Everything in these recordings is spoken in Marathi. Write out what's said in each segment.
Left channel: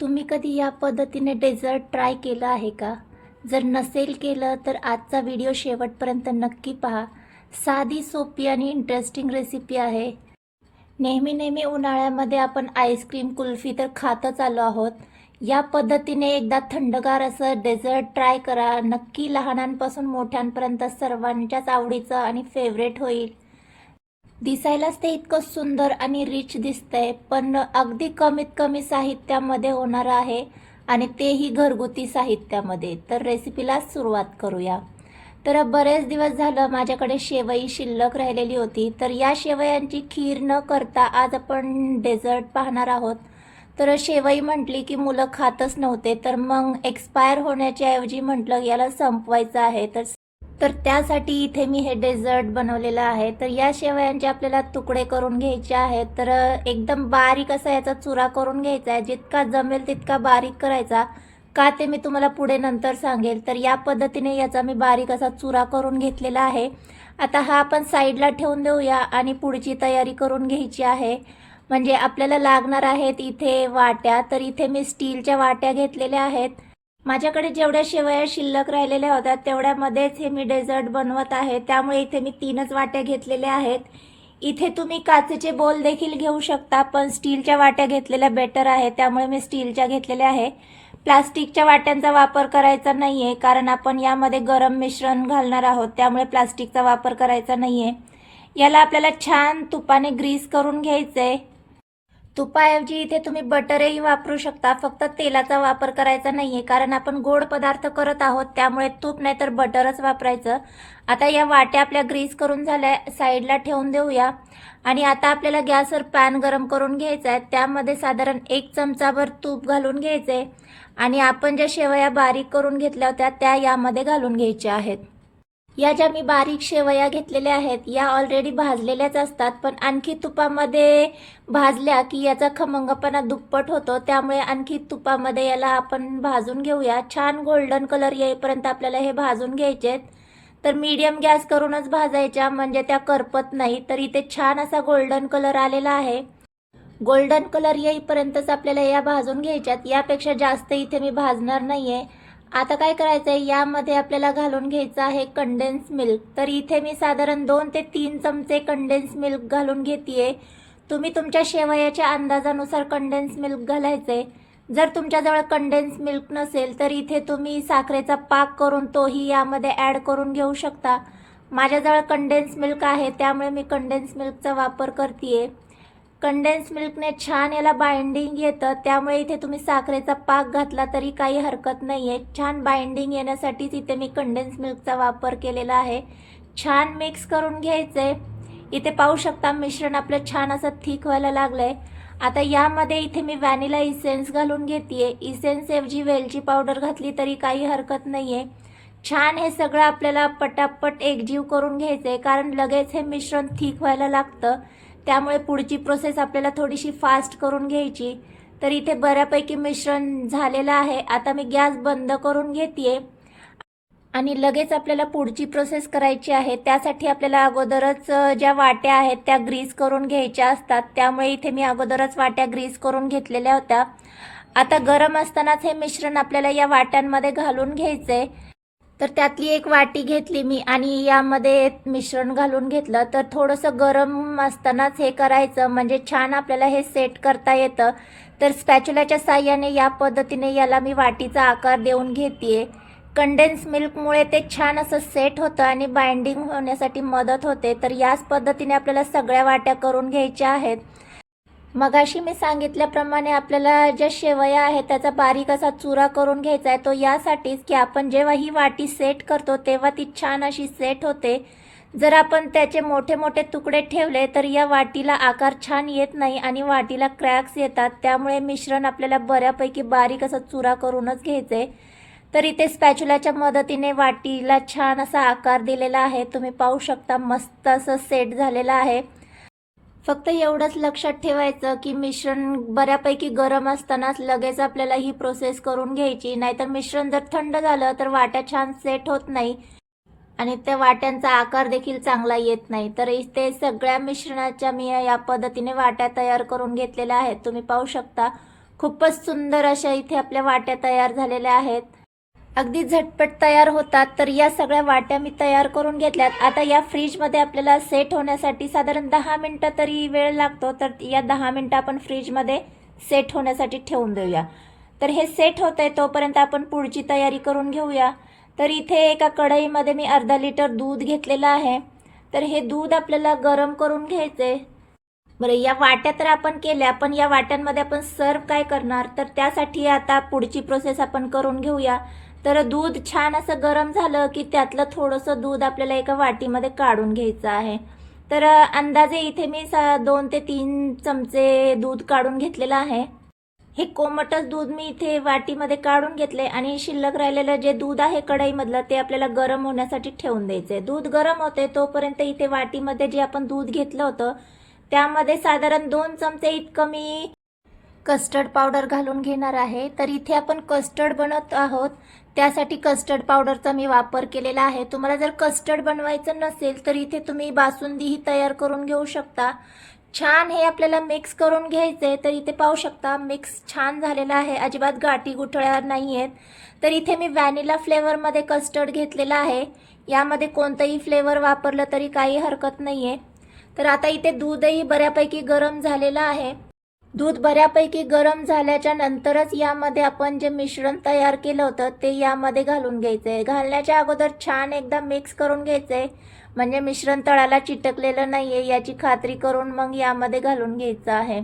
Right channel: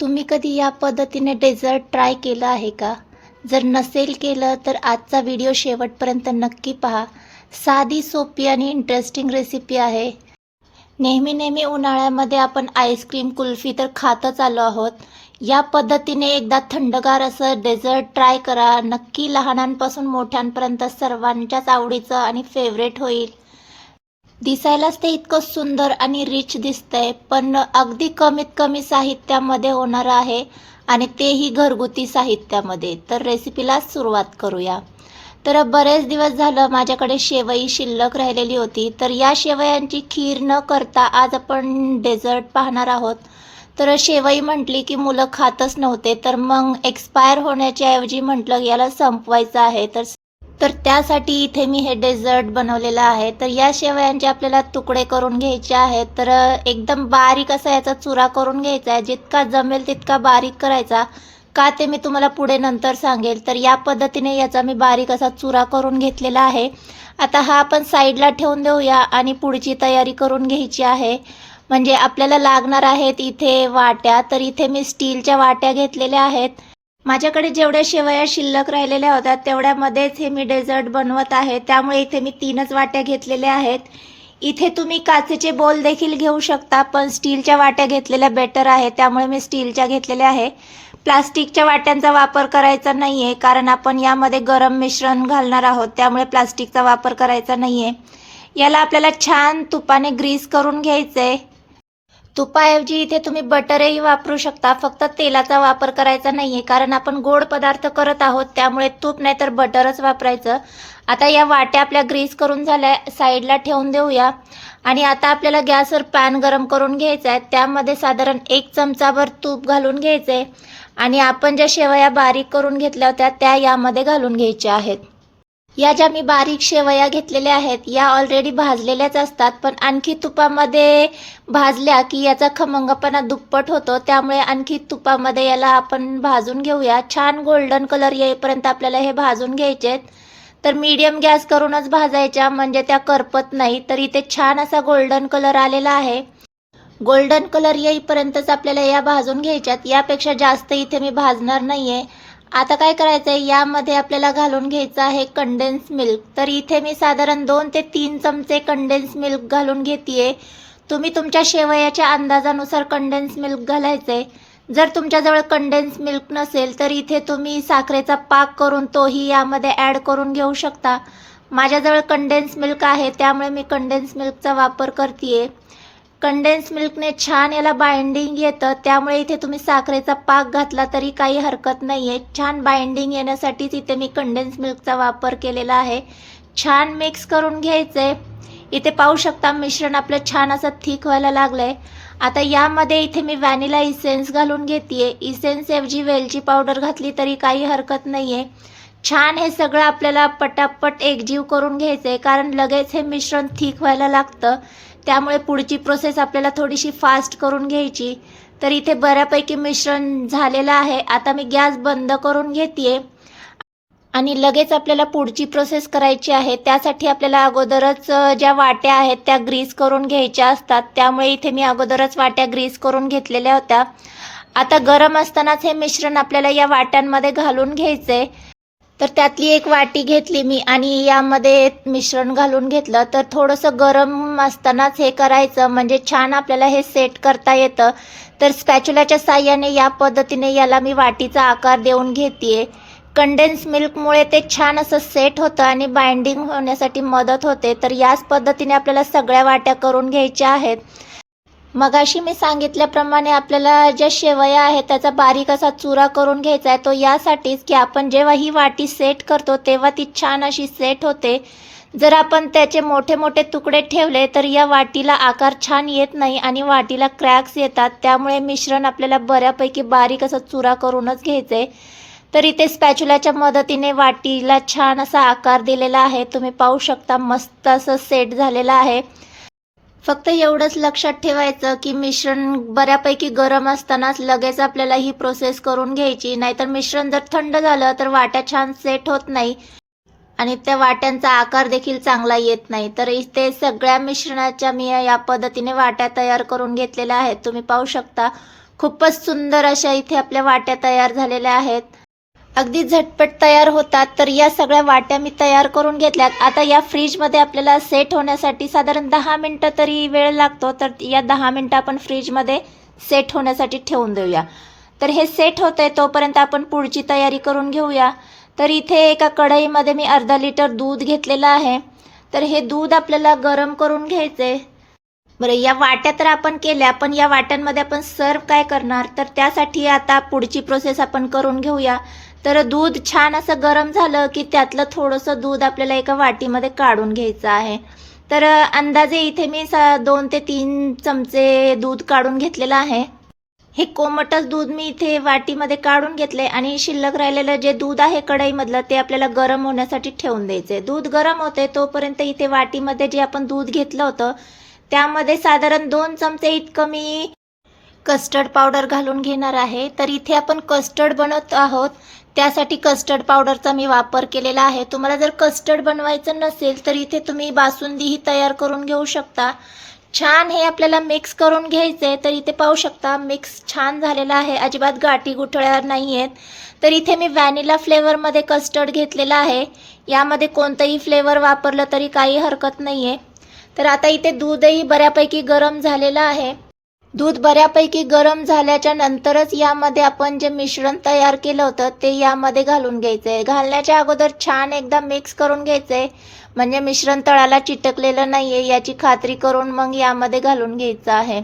तुम्ही कधी या पद्धतीने डेझर्ट ट्राय केलं आहे का? जर नसेल केलं तर आजचा व्हिडिओ शेवटपर्यंत नक्की पहा. साधी सोपी आणि इंटरेस्टिंग रेसिपी आहे. नेहमी नेहमी उन्हाळ्यामध्ये आपण आईस्क्रीम कुल्फी तर खातच आलो आहोत. या पद्धतीने एकदा थंडगार असं डेझर्ट ट्राय करा. नक्की लहानांपासून मोठ्यांपर्यंत सर्वांच्याच आवडीचं आणि फेवरेट होईल. दिसायलाच ते इतकं सुंदर आणि रिच दिसतंय पण अगदी कमीत कमी साहित्यामध्ये होणार आहे आणि तेही घरगुती साहित्यामध्ये. तर रेसिपीला सुरुवात करूया. तर बरेच दिवस झालं माझ्याकडे शेवई शिल्लक राहिलेली होती तर या शेवयांची खीर न करता आज आपण डेझर्ट पाहणार आहोत. तर शेवई म्हटली की मुलं खातच नव्हते तर मग एक्सपायर होण्याच्या ऐवजी म्हटलं याला संपवायचं आहे. तर तर त्यासाठी इथे मी हे डेझर्ट बनवलेलं आहे. तर या शेवयांचे आपल्याला तुकडे करून घ्यायचे आहेत. तर एकदम बारीक असा याचा चुरा करून घ्यायचा आहे. जितका जमेल तितका बारीक करायचा. का ते मी तुम्हाला पुढे नंतर सांगेल. तर या पद्धतीने याचा मी बारीक असा चुरा करून घेतलेला आहे. आता हा आपण साईडला ठेवून देऊया आणि पुढची तयारी करून घ्यायची आहे. म्हणजे आपल्याला लागणार आहेत इथे वाट्या. तर इथे मी स्टीलच्या वाट्या घेतलेल्या आहेत. माझ्याकडे जेवढ्या शेवया शिल्लक राहिलेल्या होत्या तेवढ्यामध्येच हे मी डेझर्ट बनवत आहे. त्यामुळे इथे मी तीनच वाट्या घेतलेल्या आहेत. इथे तुम्ही काचेचे बोल देखील घेऊ शकता पण स्टीलच्या वाट्या घेतलेल्या बेटर आहे त्यामुळे मी स्टीलच्या घेतलेल्या आहे. प्लास्टिकच्या वाट्यांचा वापर करायचा नाही आहे कारण आपण यामध्ये गरम मिश्रण घालणार आहोत. त्यामुळे प्लास्टिकचा वापर करायचा नाही आहे याला आपल्याला छान तुपाने ग्रीस करून घ्यायचं आहे तुपाऐवजी इथे तुम्ही बटरही वापरू शकता. फक्त तेलाचा वापर करायचा नाही आहे कारण आपण गोड पदार्थ करत आहोत त्यामुळे तूप नाही तर बटरच वापरायचं. आता या वाट्या आपल्या ग्रीस करून झाल्या साईडला ठेवून देऊया. आणि आता आपल्याला गॅसवर पॅन गरम करून घ्यायचा आहे त्यामध्ये साधारण एक चमचाभर तूप घालून घ्यायचं आहे आणि आपण ज्या शेवया बारीक करून घेतल्या होत्या त्या यामध्ये घालून घ्यायच्या आहेत. या ज्या मी बारीक शेवया घेतलेल्या आहेत या ऑलरेडी भाजलेल्याच असतात पण आणखी तुपामध्ये भाजल्या की याचा खमंगपणा दुप्पट होतो त्यामुळे आणखी तुपामध्ये याला आपण भाजून घेऊया. छान गोल्डन कलर येईपर्यंत आपल्याला हे भाजून घ्यायचे आहेत. तर मीडियम गॅस करूनच भाजायच्या म्हणजे त्या करपत नाही तर इथे छान असा गोल्डन कलर आलेला आहे. गोल्डन कलर येईपर्यंतच आपल्याला या भाजून घ्यायच्यात. यापेक्षा जास्त इथे मी भाजणार नाही आहे आता काय करायचं आहे यामध्ये आपल्याला घालून घ्यायचं आहे कंडेन्स मिल्क तर इथे मी साधारण दोन ते तीन चमचे कंडेन्स मिल्क घालून घेते तुम्ही तुमच्या शेवयाच्या अंदाजानुसार कंडेन्स मिल्क घालायचं आहे जर तुमच्याजवळ कंडेन्स मिल्क नसेल तर इथे तुम्ही साखरेचा पाक करून तोही यामध्ये ॲड करून घेऊ शकता. माझ्याजवळ कंडेन्स मिल्क आहे त्यामुळे मी कंडेन्स मिल्कचा वापर करते कंडेन्स मिल्कने छान याला बाइंडिंग येतं. त्यामुळे इथे तुम्ही साखरेचा पाक घातला तरी काही हरकत नाही आहे छान बाइंडिंग येण्यासाठीच इथे मी कंडेन्स मिल्कचा वापर केलेला आहे. छान मिक्स करून घ्यायचं. आहे इथे पाहू शकता मिश्रण आपलं छान असं थिक व्हायला लागलं आहे आता यामध्ये इथे मी व्हॅनिला इसेन्स घालून घेते इसेन्सऐवजी वेलची पावडर घातली तरी काही हरकत नाही आहे छान हे सगळं आपल्याला पटापट एकजीव करून घ्यायचं आहे कारण लगेच हे मिश्रण थिक व्हायला लागतं. त्यामुळे पुढची प्रोसेस आपल्याला थोडीशी फास्ट करून घ्यायची. तर इथे बऱ्यापैकी मिश्रण झालेलं आहे. आता मी गॅस बंद करून घेते आणि लगेच आपल्याला पुढची प्रोसेस करायची आहे. त्यासाठी आपल्याला अगोदरच ज्या वाट्या आहेत त्या ग्रीस करून घ्यायच्या असतात. त्यामुळे इथे मी अगोदरच वाट्या ग्रीस करून घेतलेल्या होत्या. आता गरम असतानाच हे मिश्रण आपल्याला या वाट्यांमध्ये घालून घ्यायचं आहे तर त्यातली एक वाटी घेतली मी आणि यामध्ये मिश्रण घालून घेतलं. तर थोडंसं गरम असतानाच हे करायचं. म्हणजे छान आपल्याला हे सेट करता येतं. तर स्पॅच्युलाच्या साह्याने या पद्धतीने याला मी वाटीचा आकार देऊन घेते कंडेन्स मिल्कमुळे ते छान असं सेट होतं आणि बाइंडिंग होण्यासाठी मदत होते. तर याच पद्धतीने आपल्याला सगळ्या वाट्या करून घ्यायच्या आहेत. मगाशी मी सांगितल्याप्रमाणे आपल्याला ज्या शेवया आहेत त्याचा बारीक असा चुरा करून घ्यायचा आहे तो यासाठीच की आपण जेव्हा ही वाटी सेट करतो तेव्हा ती छान अशी सेट होते. जर आपण त्याचे मोठे मोठे तुकडे ठेवले तर या वाटीला आकार छान येत नाही आणि वाटीला क्रॅक्स येतात. त्यामुळे मिश्रण आपल्याला बऱ्यापैकी बारीक असा चुरा करूनच घ्यायचं. आहे तर इथे स्पॅच्युलाच्या मदतीने वाटीला छान असा आकार दिलेला आहे. तुम्ही पाहू शकता मस्त असं सेट झालेलं आहे. फक्त एवढंच लक्षात ठेवायचं की मिश्रण बऱ्यापैकी गरम असतानाच लगेच आपल्याला ही प्रोसेस करून घ्यायची. नाहीतर मिश्रण जर थंड झालं तर वाट्या छान सेट होत नाही आणि त्या वाट्यांचा आकार देखील चांगला येत नाही. तर इथे सगळ्या मिश्रणाच्या मी या पद्धतीने वाट्या तयार करून घेतलेल्या आहेत. तुम्ही पाहू शकता खूपच सुंदर अशा इथे आपल्या वाट्या तयार झालेल्या आहेत. अगदी झटपट तयार होतात तर या सगळ्या वाट्या मी तयार करून घेतल्यात. आता या फ्रीजमध्ये आपल्याला सेट होण्यासाठी साधारण दहा मिनटं तरी वेळ लागतो तर या दहा मिनटं आपण फ्रीजमध्ये सेट होण्यासाठी ठेवून देऊया. तर हे सेट होतं आहे तोपर्यंत आपण पुढची तयारी करून घेऊया. तर इथे एका कढईमध्ये मी अर्धा लिटर दूध घेतलेलं आहे. तर हे दूध आपल्याला गरम करून घ्यायचे बरं या वाट्या तर आपण केल्या पण या वाट्यांमध्ये आपण सर्व काय करणार? तर त्यासाठी आता पुढची प्रोसेस आपण करून घेऊया. तर दूध छान असं गरम झालं की त्यातलं थोडंसं दूध आपल्याला एका वाटीमध्ये काढून घ्यायचं आहे. तर अंदाजे इथे मी सा दोन ते तीन चमचे दूध काढून घेतलेलं आहे. हे कोमटच दूध मी इथे वाटीमध्ये काढून घेतले आणि शिल्लक राहिलेलं जे दूध आहे कढईमधलं ते आपल्याला गरम होण्यासाठी ठेवून द्यायचे दूध गरम होते तोपर्यंत इथे वाटीमध्ये जे आपण दूध घेतलं होतं त्यामध्ये साधारण दोन चमचे इतकं मी कस्टर्ड पावडर घालून घेणार आहे. तर इथे आपण कस्टर्ड बनवत आहोत. त्यासाठी कस्टर्ड पावडरचा मी वापर केलेला आहे. तुम्हाला जर कस्टर्ड बनवायचं नसेल तर इथे तुम्ही बासुंदीही तयार करून घेऊ शकता. छान हे आपल्याला मिक्स करून घ्यायचं आहे तर इथे पाहू शकता मिक्स छान झालेला आहे. अजिबात गाठी गुठळ्या नाही आहेत. तर इथे मी व्हॅनिला फ्लेवरमध्ये कस्टर्ड घेतलेला आहे. यामध्ये कोणतंही फ्लेवर वापरलं तरी काही हरकत नाही आहे तर आता इथे दूधही बऱ्यापैकी गरम झालेलं आहे. दूध बऱ्यापैकी गरम झाल्याच्या नंतरच यामध्ये आपण जे मिश्रण तयार केलं होतं ते यामध्ये घालून घ्यायचं आहे घालण्याच्या अगोदर छान एकदा मिक्स करून घ्यायचं आहे म्हणजे मिश्रण तळाला चिटकलेलं नाही आहे याची खात्री करून मग यामध्ये घालून घ्यायचं आहे.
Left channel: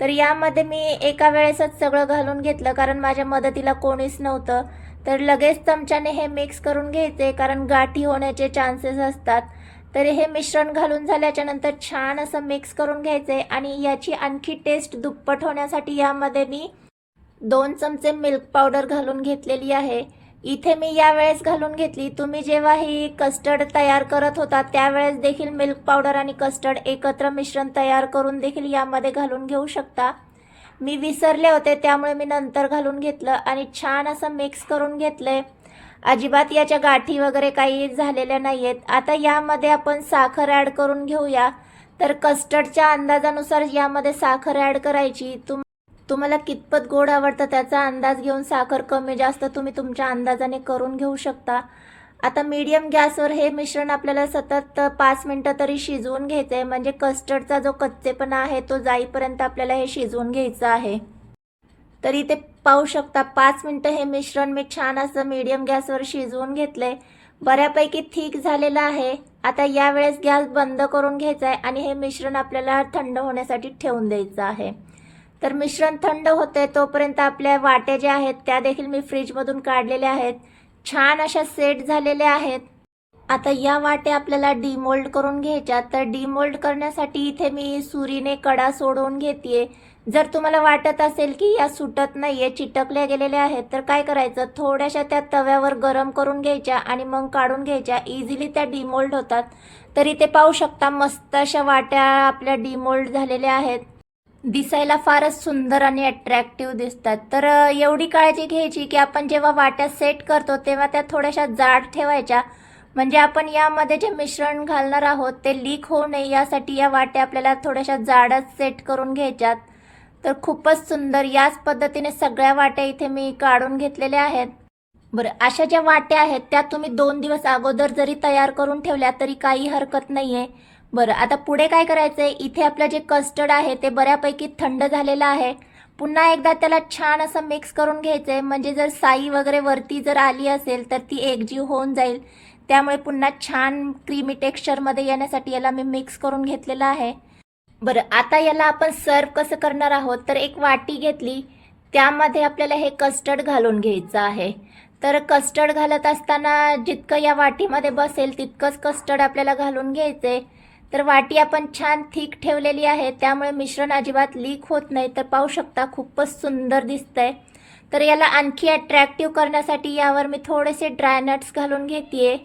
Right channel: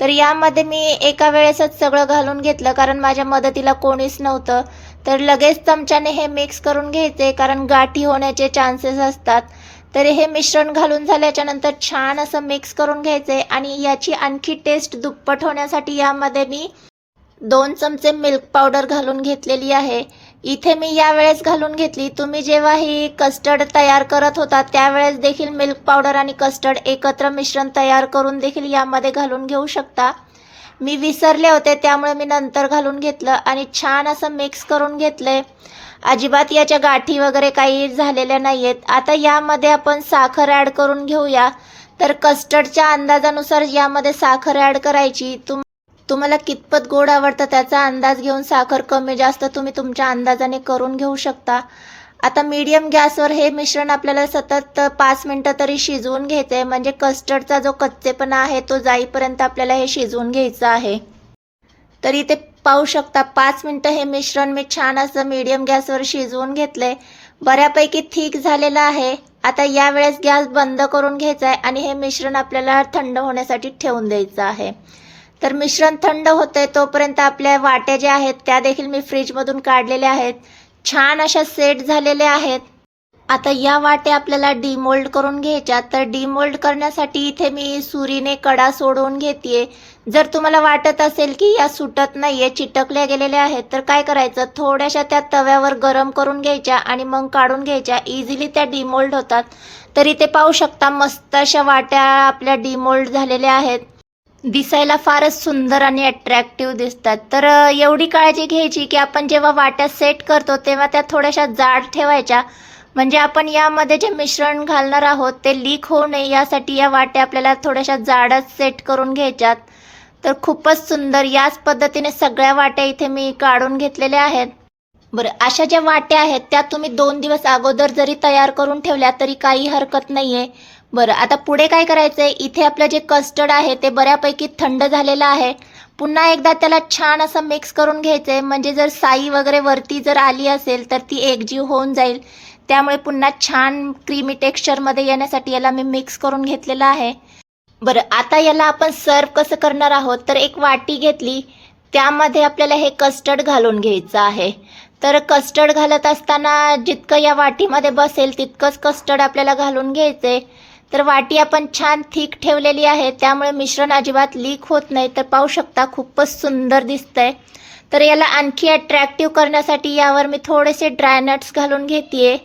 तर यामध्ये मी एका वेळेसच सगळं घालून घेतलं कारण माझ्या मदतीला कोणीच नव्हतं. तर लगेच चमच्याने हे मिक्स करून घ्यायचे कारण गाठी होण्याचे चान्सेस असतात. तर हे मिश्रण घालून झाल्याच्यानंतर छान असं मिक्स करून घ्यायचे आणि याची आणखी टेस्ट दुप्पट होण्यासाठी यामध्ये मी दोन चमचे मिल्क पावडर घालून घेतलेली आहे. इथे मी यावेळेस घालून घेतली. तुम्ही जेव्हा ही कस्टर्ड तयार करत होता त्यावेळेस देखील मिल्क पावडर आणि कस्टर्ड एकत्र मिश्रण तयार करून देखील यामध्ये घालून घेऊ शकता. मी विसरले होते त्यामुळे मी नंतर घालून घेतलं आणि छान असं मिक्स करून घेतलंय. अजिबात याच्या गाठी वगैरे काही झालेल्या नाही आहेत आता यामध्ये आपण साखर ॲड करून घेऊया. तर कस्टर्डच्या अंदाजानुसार यामध्ये साखर ॲड करायची. तुम तुम्हाला कितपत गोड आवडतं त्याचा अंदाज घेऊन साखर कमी जास्त तुम्ही तुमच्या अंदाजाने करून घेऊ शकता. आता मीडियम गॅसवर हे मिश्रण आपल्याला सतत पाच मिनटं तरी शिजवून घ्यायचं आहे म्हणजे कस्टर्डचा जो कच्चेपणा आहे तो जाईपर्यंत आपल्याला हे शिजवून घ्यायचं आहे. तर इथे पाहू शकता पाच मिनटं हे मिश्रण मी छान असं मीडियम गॅसवर शिजवून घेतलंय. बऱ्यापैकी थिक झालेलं आहे. आता यावेळेस गॅस बंद करून घ्यायचा आहे आणि हे मिश्रण आपल्याला थंड होण्यासाठी ठेवून द्यायचं आहे. तर मिश्रण थंड होतंय तोपर्यंत आपल्या वाट्या ज्या आहेत त्या देखील मी फ्रीजमधून काढलेल्या आहेत. छान अशा सेट झालेल्या आहेत. आता या वाट्या आपल्याला डिमोल्ड करून घ्यायच्या. तर डिमोल्ड करण्यासाठी इथे मी सुरीने कडा सोडवून घेते जर तुम्हाला वाटत असेल की या सुटत नाहीये चिटकल्या गेलेल्या आहेत तर काय करायचं? थोड्याशा त्या तव्यावर गरम करून घ्यायच्या आणि मग काढून घ्यायच्या. इझिली त्या डिमोल्ड होतात. तर इथे पाहू शकता मस्त अशा वाट्या आपल्या डिमोल्ड झालेल्या आहेत. दिसायला फारच सुंदर आणि अट्रॅक्टिव्ह दिसतात. तर एवढी काळजी घ्यायची की आपण जेव्हा वाट्या सेट करतो तेव्हा त्या थोड्याशा जाड ठेवायच्या. म्हणजे आपण यामध्ये जे मिश्रण घालणार आहोत ते लीक होऊ नये. यासाठी या वाट्या आपल्याला थोड्याशा जाडच सेट करून घ्यायच्यात. तर खूपच सुंदर. याच पद्धतीने सगळ्या वाट्या इथे मी काढून घेतलेल्या आहेत. बरं अशा ज्या वाट्या आहेत त्या तुम्ही दोन दिवस अगोदर जरी तयार करून ठेवल्या तरी काही हरकत नाही आहे बरं आता पुढे काय करायचं आहे इथे आपलं जे कस्टर्ड आहे ते बऱ्यापैकी थंड झालेलं आहे. पुन्हा एकदा त्याला छान असं मिक्स करून घ्यायचं आहे म्हणजे जर साई वगैरे वरती जर आली असेल तर ती एकजीव होऊन जाईल. त्यामुळे पुन्हा छान क्रीमी टेक्स्चरमध्ये येण्यासाठी याला मी मिक्स करून घेतलेलं आहे. बरं आता याला आपण सर्व कसं करणार आहोत? तर एक वाटी घेतली. त्यामध्ये आपल्याला हे कस्टर्ड घालून घ्यायचं आहे. तर कस्टर्ड घालत असताना जितकं या वाटीमध्ये बसेल तितकंच कस्टर्ड आपल्याला घालून घ्यायचं आहे तर वाटी आपण छान थिक ठेवलेली आहे. त्यामुळे मिश्रण अजिबात लीक होत नाही. तर पाहू शकता खूपच सुंदर दिसतंय. तर याला आणखी अट्रॅक्टिव्ह करण्यासाठी यावर मी थोडेसे ड्रायनट्स घालून घेते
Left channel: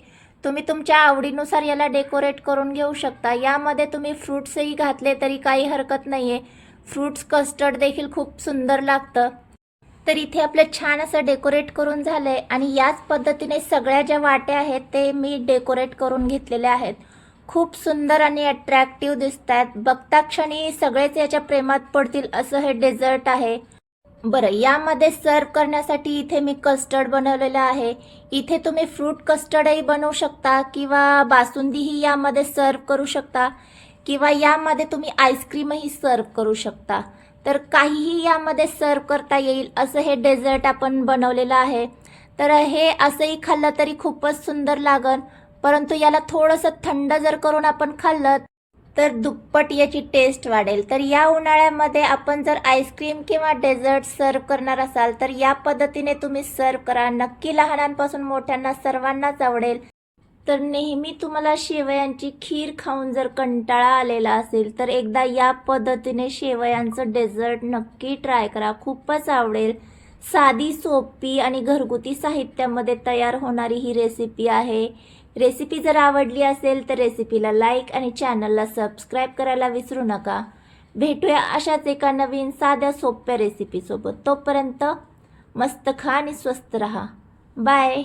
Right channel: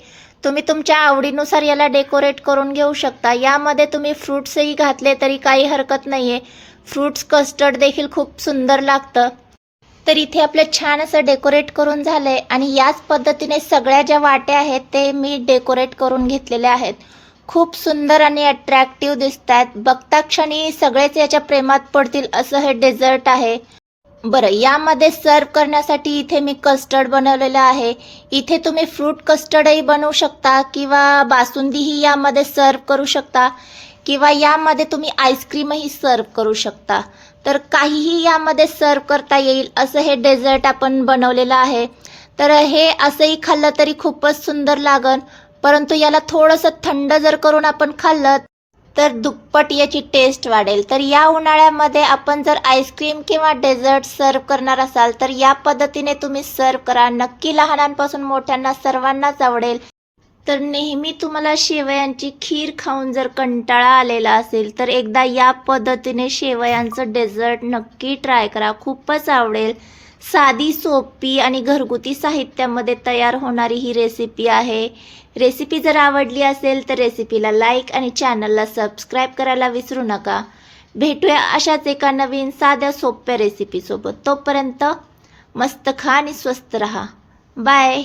तुम्ही तुमच्या आवडीनुसार याला डेकोरेट करून घेऊ शकता. यामध्ये तुम्ही फ्रूट्सही घातले तरी काही हरकत नाही आहे फ्रूट्स कस्टर्ड देखील खूप सुंदर लागतं. तर इथे आपलं छान असं डेकोरेट करून झालं आहे आणि याच पद्धतीने सगळ्या ज्या वाट्या आहेत ते मी डेकोरेट करून घेतलेल्या आहेत. खूप सुंदर आणि अट्रॅक्टिव्ह दिसतात. बघता क्षणी सगळेच याच्या प्रेमात पडतील असं हे डेझर्ट आहे. बरं यामध्ये सर्व करण्यासाठी इथे मी कस्टर्ड बनवलेलं आहे. इथे तुम्ही फ्रूट कस्टर्डही बनवू शकता किंवा बासुंदीही यामध्ये सर्व करू शकता किंवा यामध्ये तुम्ही आईस्क्रीमही सर्व करू शकता. तर काहीही यामध्ये सर्व करता येईल असं हे डेझर्ट आपण बनवलेलं आहे. तर हे असंही खाल्लं तरी खूपच सुंदर लागन. परंतु याला थोडंसं थंड जर करून आपण खाल्लं तर दुप्पट याची टेस्ट वाढेल. तर या उन्हाळ्यामध्ये आपण जर आईस्क्रीम किंवा डेझर्ट सर्व करणार असाल तर या पद्धतीने तुम्ही सर्व करा. नक्की लहानांपासून मोठ्यांना सर्वांनाच आवडेल. तर नेहमी तुम्हाला शेवयांची खीर खाऊन जर कंटाळा आलेला असेल तर एकदा या पद्धतीने शेवयांचं डेझर्ट नक्की ट्राय करा. खूपच आवडेल. साधी सोपी आणि घरगुती साहित्यामध्ये तयार होणारी ही रेसिपी आहे. रेसिपी जर आवडली असेल तर रेसिपीला लाईक आणि चॅनलला सबस्क्राईब करायला विसरू नका. भेटूया अशाच एका नवीन साध्या सोप्या रेसिपीसोबत तोपर्यंत मस्त खा आणि स्वस्त रहा. बाय